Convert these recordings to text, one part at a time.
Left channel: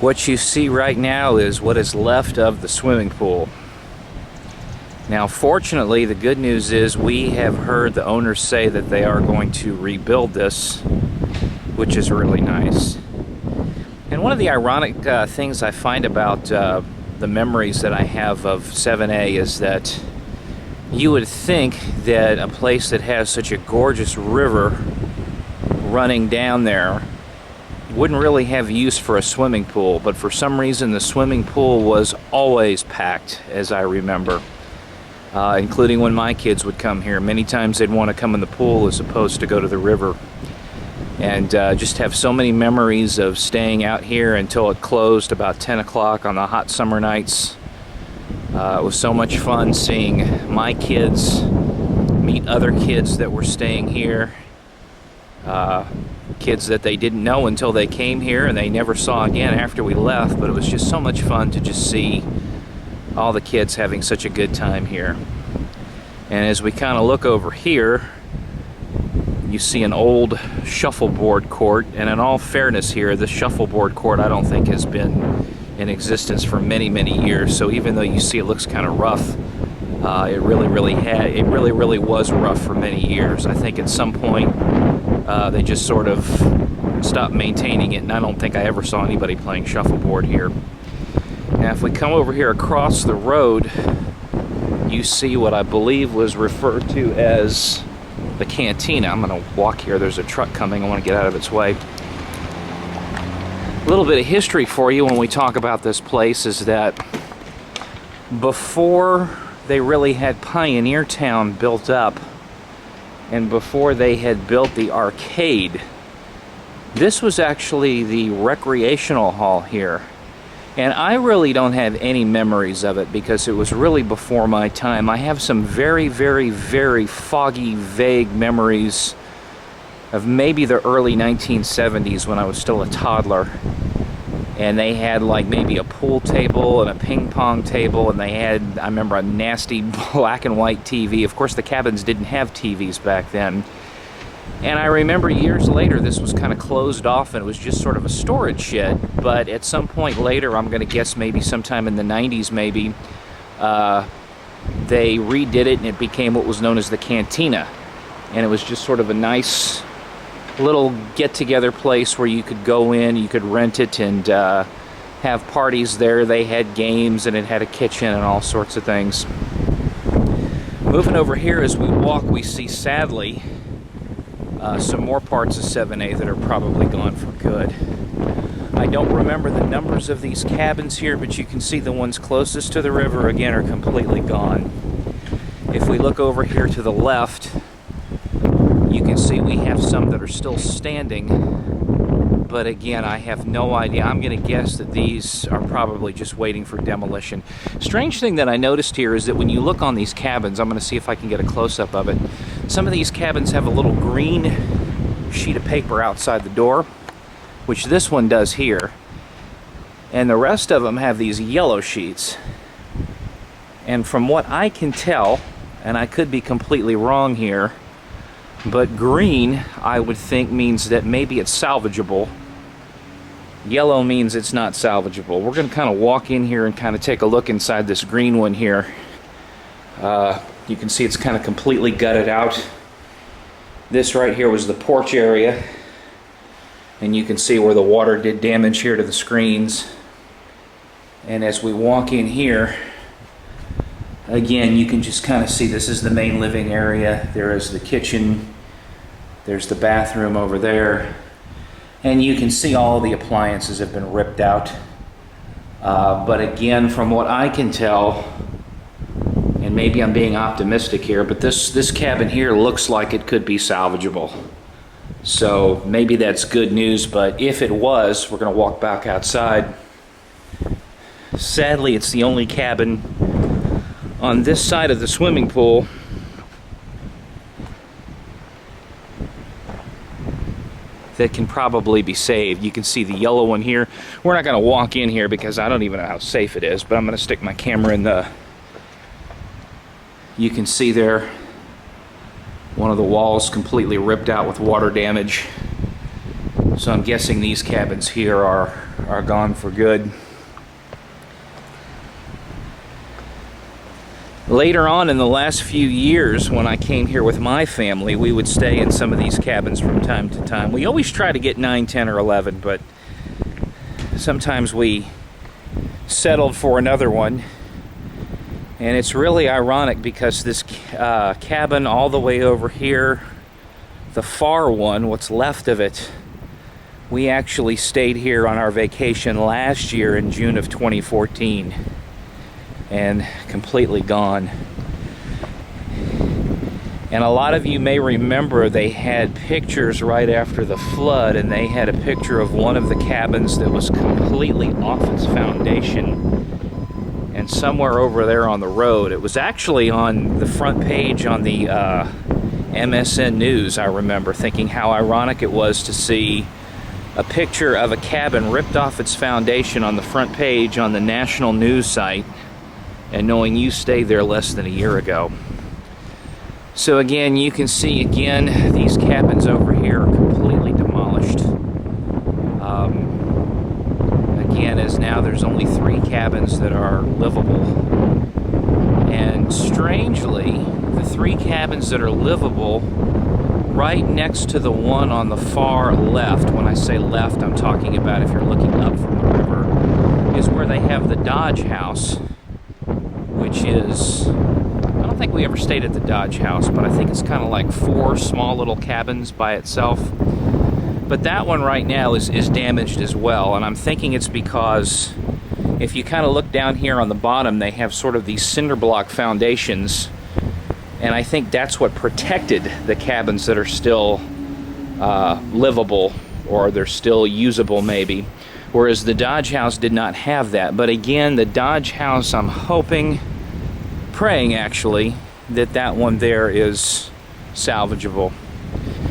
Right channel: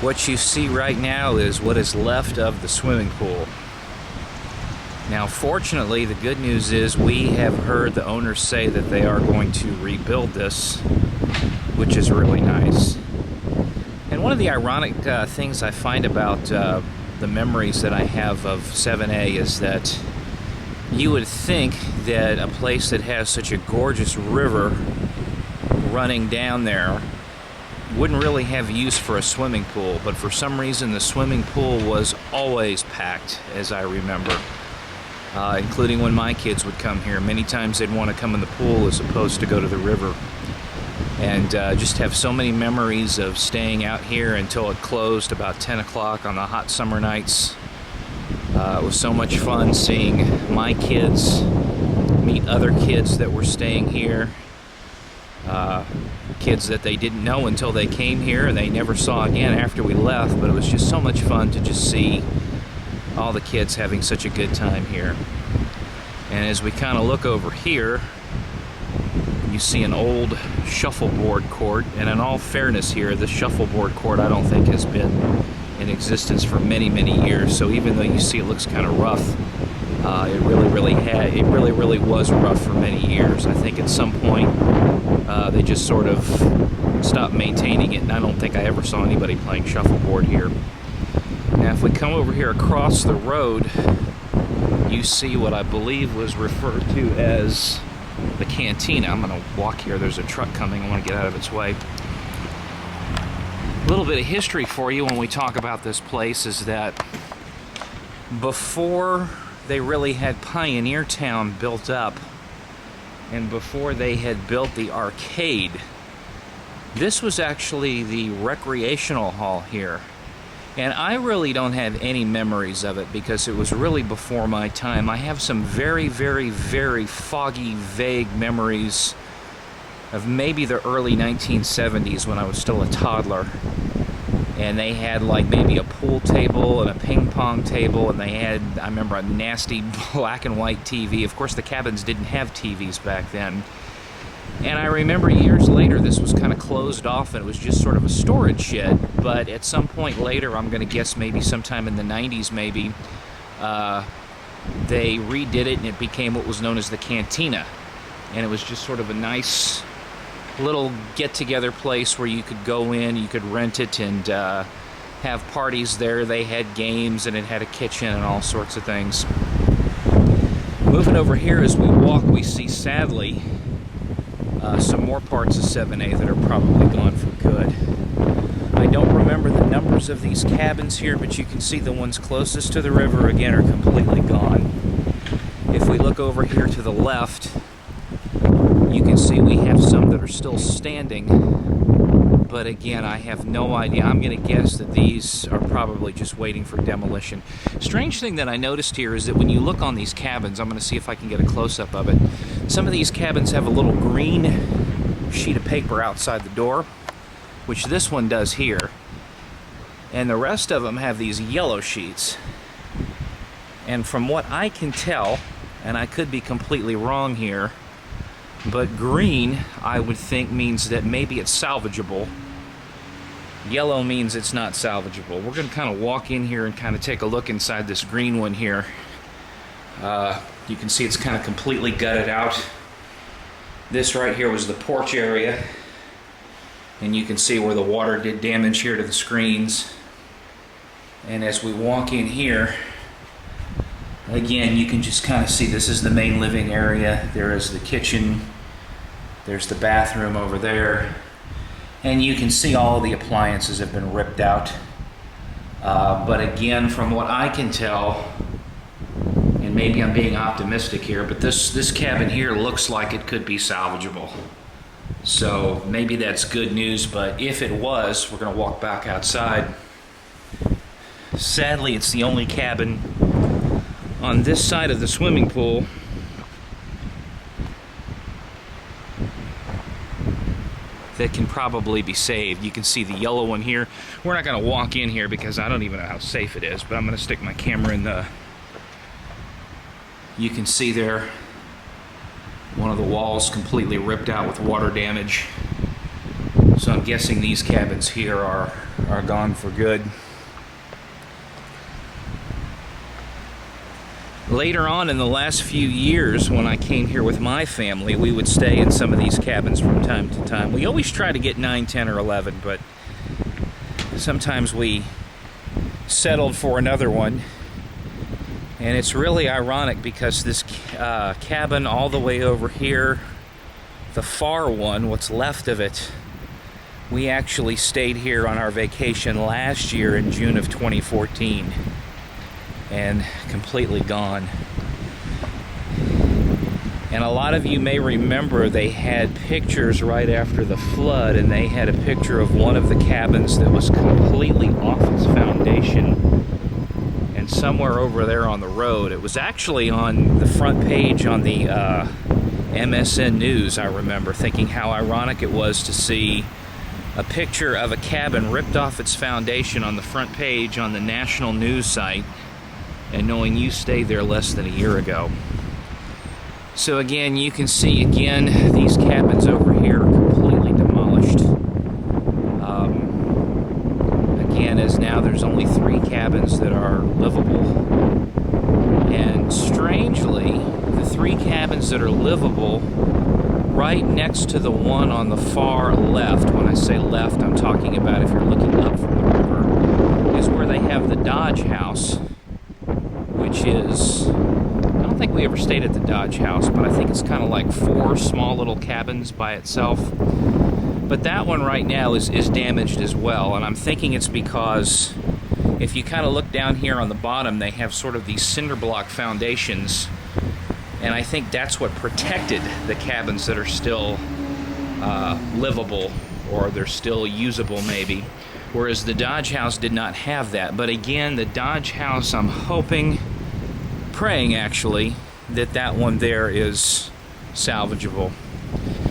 What you see right now is what is left of the swimming pool. Now, fortunately, the good news is we have heard the owners say that they are going to rebuild this, which is really nice. And one of the ironic things I find about the memories that I have of 7A is that you would think that a place that has such a gorgeous river running down there wouldn't really have use for a swimming pool, but for some reason the swimming pool was always packed, as I remember, including when my kids would come here. Many times they'd want to come in the pool as opposed to go to the river, and just have so many memories of staying out here until it closed about 10 o'clock on the hot summer nights. It was so much fun seeing my kids meet other kids that were staying here. Kids that they didn't know until they came here and they never saw again after we left, but it was just so much fun to just see all the kids having such a good time here. And as we kind of look over here, you see an old shuffleboard court, and in all fairness here, this shuffleboard court I don't think has been in existence for many years, so even though you see it looks kind of rough, it really was rough for many years. I think at some point they just sort of stopped maintaining it, and I don't think I ever saw anybody playing shuffleboard here. Now if we come over here across the road, you see what I believe was referred to as the cantina. I'm going to walk here. There's a truck coming. I want to get out of its way. A little bit of history for you when we talk about this place is that before they really had Pioneer Town built up, and before they had built the arcade, this was actually the recreational hall here. And I really don't have any memories of it because it was really before my time. I have some very foggy, vague memories of maybe the early 1970s when I was still a toddler. And they had like maybe a pool table and a ping pong table, and they had, I remember, a nasty black and white TV. Of course the cabins didn't have TVs back then. And I remember years later this was kind of closed off and it was just sort of a storage shed, but at some point later, I'm going to guess maybe sometime in the 90s maybe, they redid it and it became what was known as the cantina. And it was just sort of a nice little get-together place where you could go in, you could rent it and have parties there. They had games and it had a kitchen and all sorts of things. Moving over here as we walk, we see, sadly, some more parts of 7A that are probably gone for good. I don't remember the numbers of these cabins here, but you can see the ones closest to the river again are completely gone. If we look over here to the left, you can see we have some that are still standing, but again, I have no idea. I'm going to guess that these are probably just waiting for demolition. Strange thing that I noticed here is that when you look on these cabins, I'm going to see if I can get a close-up of it. Some of these cabins have a little green sheet of paper outside the door, which this one does here, and the rest of them have these yellow sheets. And from what I can tell, and I could be completely wrong here, but green, I would think, means that maybe it's salvageable. Yellow means it's not salvageable. We're going to kind of walk in here and kind of take a look inside this green one here. You can see it's kind of completely gutted out. This right here was the porch area. And you can see where the water did damage here to the screens. And as we walk in here, again, you can just kind of see this is the main living area. There is the kitchen. There's the bathroom over there. And you can see all the appliances have been ripped out. But again, from what I can tell, and maybe I'm being optimistic here, but this cabin here looks like it could be salvageable. So maybe that's good news, but if it was, we're going to walk back outside. Sadly, it's the only cabin on this side of the swimming pool that can probably be saved. You can see the yellow one here. We're not going to walk in here because I don't even know how safe it is, but I'm going to stick my camera in the... You can see there one of the walls completely ripped out with water damage. So I'm guessing these cabins here are gone for good. Later on in the last few years, when I came here with my family, we would stay in some of these cabins from time to time. We always try to get 9, 10, or 11, but sometimes we settled for another one. And it's really ironic because this cabin all the way over here, the far one, what's left of it, we actually stayed here on our vacation last year in June of 2014. And completely gone. And a lot of you may remember they had pictures right after the flood, and they had a picture of one of the cabins that was completely off its foundation and somewhere over there on the road. It was actually on the front page on the MSN News. I remember thinking how ironic it was to see a picture of a cabin ripped off its foundation on the front page on the national news site, and knowing you stayed there less than a year ago. So again, you can see again, these cabins over here are completely demolished. Again, as now there's only 3 cabins that are livable. And strangely, the 3 cabins that are livable, right next to the one on the far left, when I say left, I'm talking about if you're looking up from the river, is where they have the Dodge House, which is, I don't think we ever stayed at the Dodge House, but I think it's kind of like 4 small little cabins by itself. But that one right now is damaged as well, and I'm thinking it's because if you kind of look down here on the bottom, they have sort of these cinder block foundations, and I think that's what protected the cabins that are still livable, or they're still usable maybe. Whereas the Dodge House did not have that. But again, the Dodge House, I'm hoping, praying actually, that one there is salvageable.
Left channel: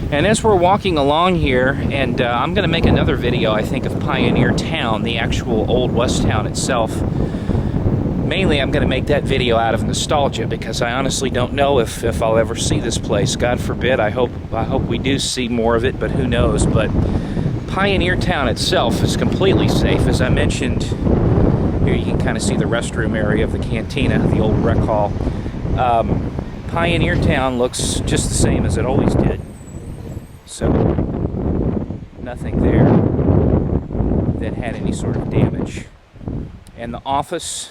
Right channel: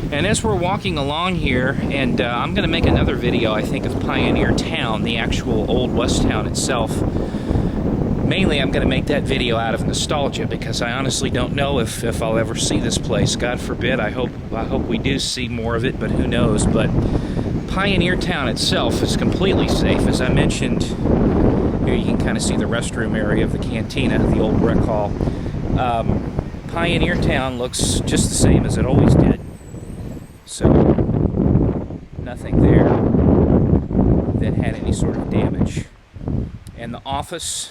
And as we're walking along here, and I'm going to make another video, I think, of Pioneer Town, the actual old West Town itself. Mainly, I'm going to make that video out of nostalgia, because I honestly don't know if I'll ever see this place. God forbid, I hope we do see more of it, but who knows. But Pioneer Town itself is completely safe. As I mentioned, here you can kind of see the restroom area of the cantina, the old rec hall. Pioneer Town looks just the same as it always did. So, nothing there that had any sort of damage. And the office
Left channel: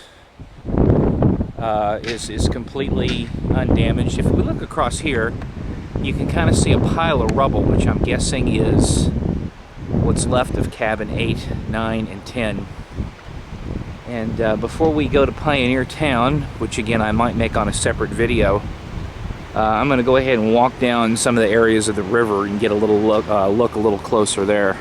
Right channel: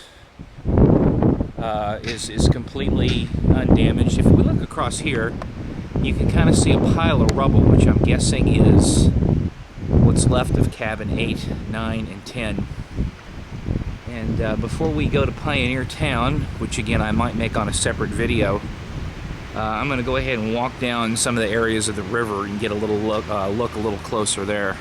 is completely undamaged. If we look across here, you can kind of see a pile of rubble, which I'm guessing is what's left of cabin 8, 9, and 10. And before we go to Pioneer Town, which again I might make on a separate video, I'm going to go ahead and walk down some of the areas of the river and get a little look a little closer there.